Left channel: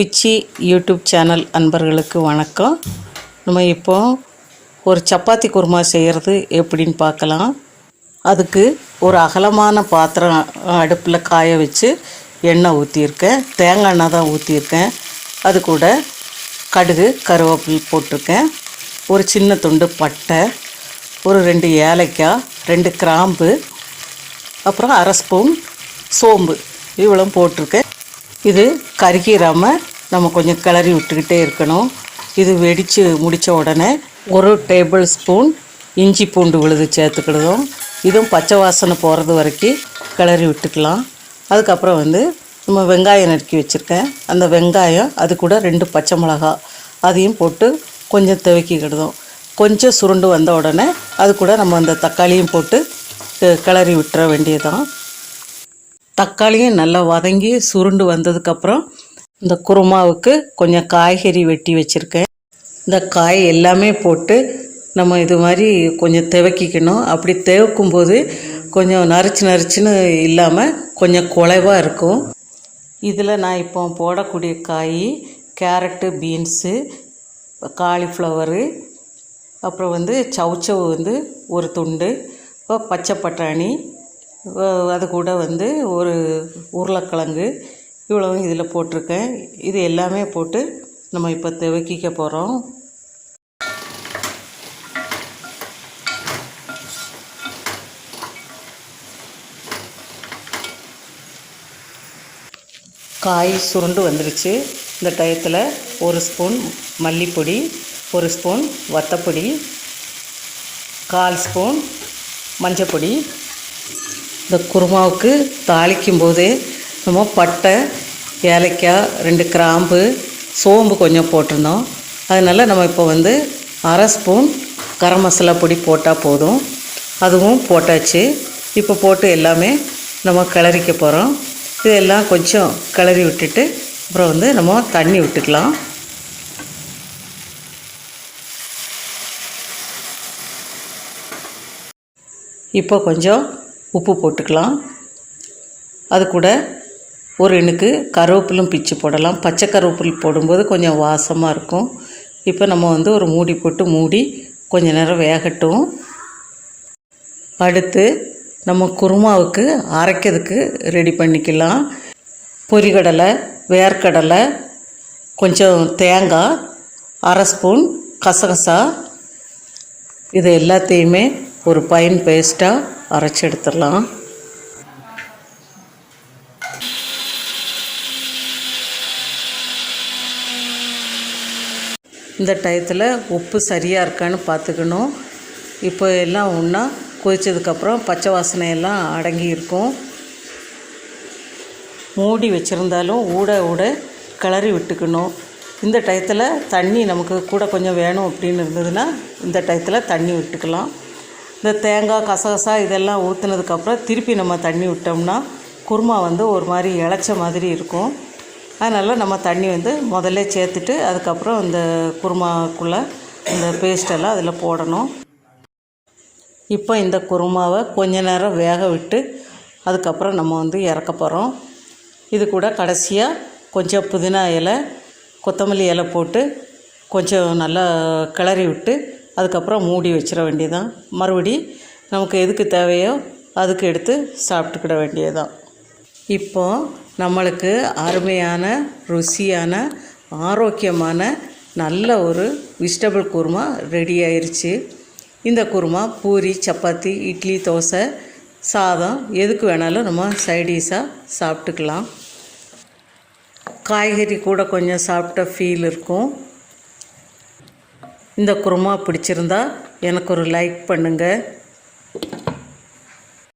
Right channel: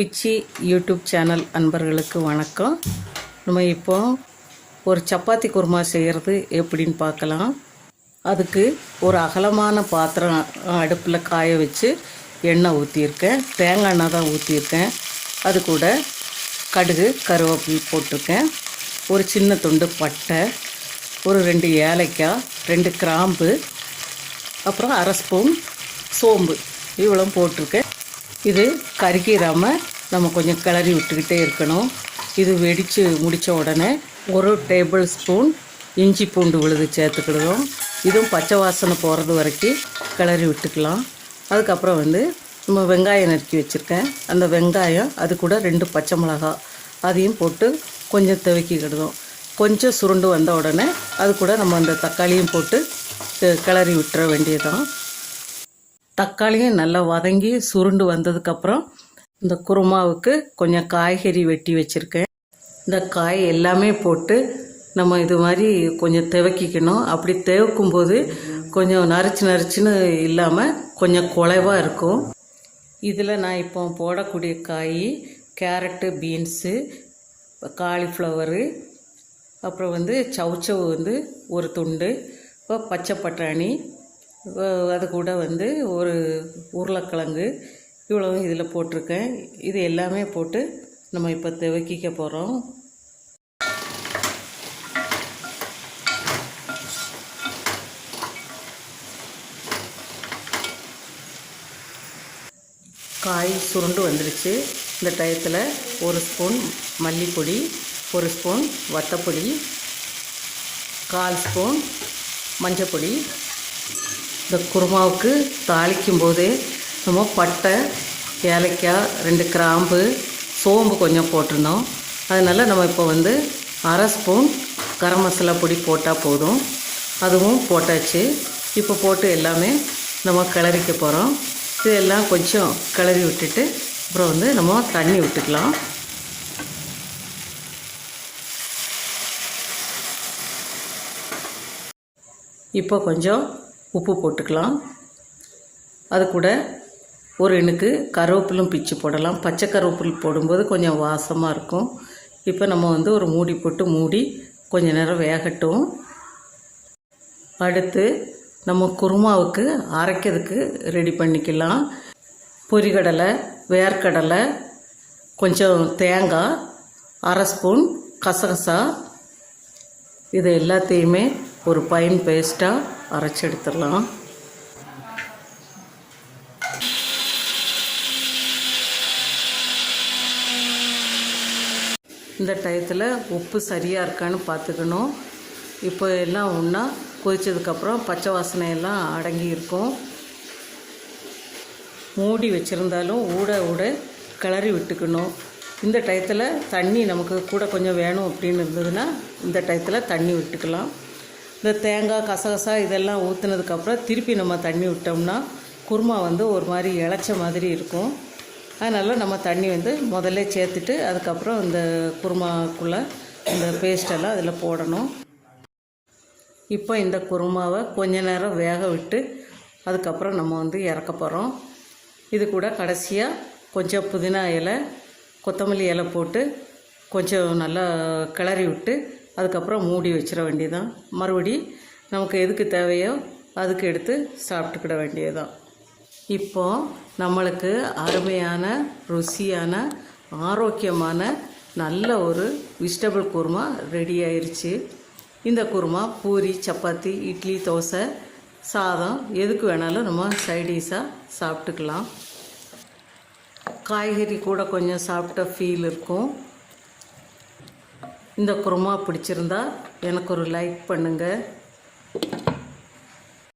பிச்சி YouTube channel அன்பர்களுக்கு வணக்கம். நம்ம இப்போ ஒரு சப்பாத்தி குருமா செய்கிறது எப்படின்னு பார்க்கலாம். அதுக்கு ஒரு அகலமான பாத்திரம் அடுப்பில் காய வச்சு எண்ணெய் ஊற்றியிருக்கேன். தேங்காய் எண்ணெய் தான் ஊற்றியிருக்கேன். அது கூட கடுகு கருவேப்பிலை போட்டிருக்கேன். ஒரு சின்ன துண்டு பட்டை, ஒரு 2 ஏலக்காய், 2 கிராம்பு, அப்புறம் அரை ஸ்பூன் சோம்பு இவ்வளோ போட்டிருக்கேன். இது கருகிராமல் நம்ம கொஞ்சம் கிளறி விட்டுக்கிட்டே இருக்கணும். இது வெடித்து முடித்த உடனே 1 டேபிள் ஸ்பூன் இஞ்சி பூண்டு விழுது சேர்த்துக்கிடுவோம். இதுவும் பச்சை வாசனை போகிறது வரைக்கும் கிளறி விட்டுக்கலாம். அதுக்கப்புறம் நம்ம வெங்காயம் நறுக்கி வச்சுருக்கேன். அந்த வெங்காயம், அது கூட 2 பச்சை மிளகா அதையும் போட்டு கொஞ்சம் துவக்கிக்கிடுவோம். கொஞ்சம் சுருண்டு வந்த உடனே அது கூட நம்ம அந்த தக்காளியும் போட்டு கிளறி விட்டுற வேண்டியதுதான். தக்காளியும் நல்லா வதங்கி சுருண்டு வந்ததுக்கப்புறம் இந்த குருமாவுக்கு கொஞ்சம் காய்கறி வெட்டி வச்சுருக்கேன். இந்த காய் எல்லாமே போட்டு நம்ம இது மாதிரி கொஞ்சம் துவக்கிக்கணும். அப்படி துவக்கும்போது கொஞ்சம் நரிச்சுன்னு இல்லாமல் கொஞ்சம் குலைவாக இருக்கும். இதில் நான் இப்போ போடக்கூடிய காய் கேரட்டு, பீன்ஸு, காலிஃப்ளவரு, அப்புறம் சவுச்சவு ஒரு துண்டு, பச்சை பட்டாணி, அது கூட ஒரு உருளைக்கிழங்கு இவ்வளவும் இதில் போட்டிருக்கேன். இது எல்லாமே போட்டு நம்ம இப்போ துவக்கிக்க போகிறோம். காய் சுருண்டு வந்துடுச்சு. இந்த டயத்தில் 1 ஸ்பூன் மல்லிப்பொடி, 1 ஸ்பூன் வத்தப்பொடி, 1/4 ஸ்பூன் மஞ்சப்பொடி. இந்த குருமாவுக்கு தாளிக்கும் போதே நம்ம பட்டை, ஏலக்காய், 2 கிராம்பு, சோம்பு கொஞ்சம் போட்டிருந்தோம். அதனால் நம்ம இப்போ அரை ஸ்பூன் கரம் மசாலா பொடி போட்டால் போதும். அதுவும் போட்டாச்சு. இப்போ போட்டு எல்லாமே நம்ம கிளறிக்க போகிறோம். இதெல்லாம் கொஞ்சம் கிளறி விட்டுட்டு அப்புறம் நம்ம தண்ணி விட்டுக்கலாம். இப்போ கொஞ்சம் உப்பு போட்டுக்கலாம். அது கூட ஒரு இனுக்கு கருவேப்பிலும் பிச்சு போடலாம். பச்சை கருவேப்பில் போடும்போது கொஞ்சம் வாசமாக இருக்கும். இப்போ நம்ம ஒரு மூடி போட்டு மூடி கொஞ்ச நேரம் வேகட்டும். அடுத்து நம்ம குருமாவுக்கு அரைக்கிறதுக்கு ரெடி பண்ணிக்கலாம். பொரிகடலை, வேர்க்கடலை, கொஞ்சம் தேங்காய், அரை ஸ்பூன் கசகசா, இது எல்லாத்தையுமே ஒரு ஃபைன் பேஸ்ட்டாக அரைச்சி எடுத்துடலாம். இந்த டயத்தில் உப்பு சரியாக இருக்கான்னு பார்த்துக்கணும். இப்போ எல்லாம் ஒன்றா கொதித்ததுக்கப்புறம் பச்சை வாசனையெல்லாம் அடங்கி இருக்கும். மூடி வச்சுருந்தாலும் ஊட கிளறி விட்டுக்கணும். இந்த டயத்தில் தண்ணி நமக்கு கூட கொஞ்சம் வேணும் அப்படின்னு இருந்ததுன்னா இந்த டயத்தில் தண்ணி விட்டுக்கலாம். இந்த தேங்காய், கசகசா இதெல்லாம் ஊற்றுனதுக்கப்புறம் திருப்பி நம்ம தண்ணி விட்டோம்னா குருமா ஒரு மாதிரி இளைச்ச மாதிரி இருக்கும். அதனால் நம்ம தண்ணி முதல்ல சேர்த்துட்டு அதுக்கப்புறம் இந்த குருமாக்குள்ளே இந்த பேஸ்டெல்லாம் அதில் போடணும். இப்போ இந்த குருமாவை கொஞ்ச நேரம் வேக விட்டு அதுக்கப்புறம் நம்ம இறக்க போகிறோம். இது கூட கடைசியாக கொஞ்சம் புதினா இலை, கொத்தமல்லி இலை போட்டு கொஞ்சம் நல்லா கிளறி விட்டு அதுக்கப்புறம் மூடி வச்சிட வேண்டியதான். மறுபடி நமக்கு எதுக்கு தேவையோ அதுக்கு எடுத்து சாப்பிட்டுக்கிட வேண்டியதான். இப்போ நம்மளுக்கு அருமையான, ருசியான, ஆரோக்கியமான நல்ல ஒரு வெஜிடபிள் குருமா ரெடி ஆயிடுச்சு. இந்த குருமா பூரி, சப்பாத்தி, இட்லி, தோசை, சாதம் எதுக்கு வேணாலும் நம்ம சைடிஷாக சாப்பிட்டுக்கலாம். காய்கறி கூட கொஞ்சம் சாப்பிட்ட ஃபீல் இருக்கும். இந்த குருமா பிடிச்சிருந்தா எனக்கு ஒரு லைக் பண்ணுங்கள்.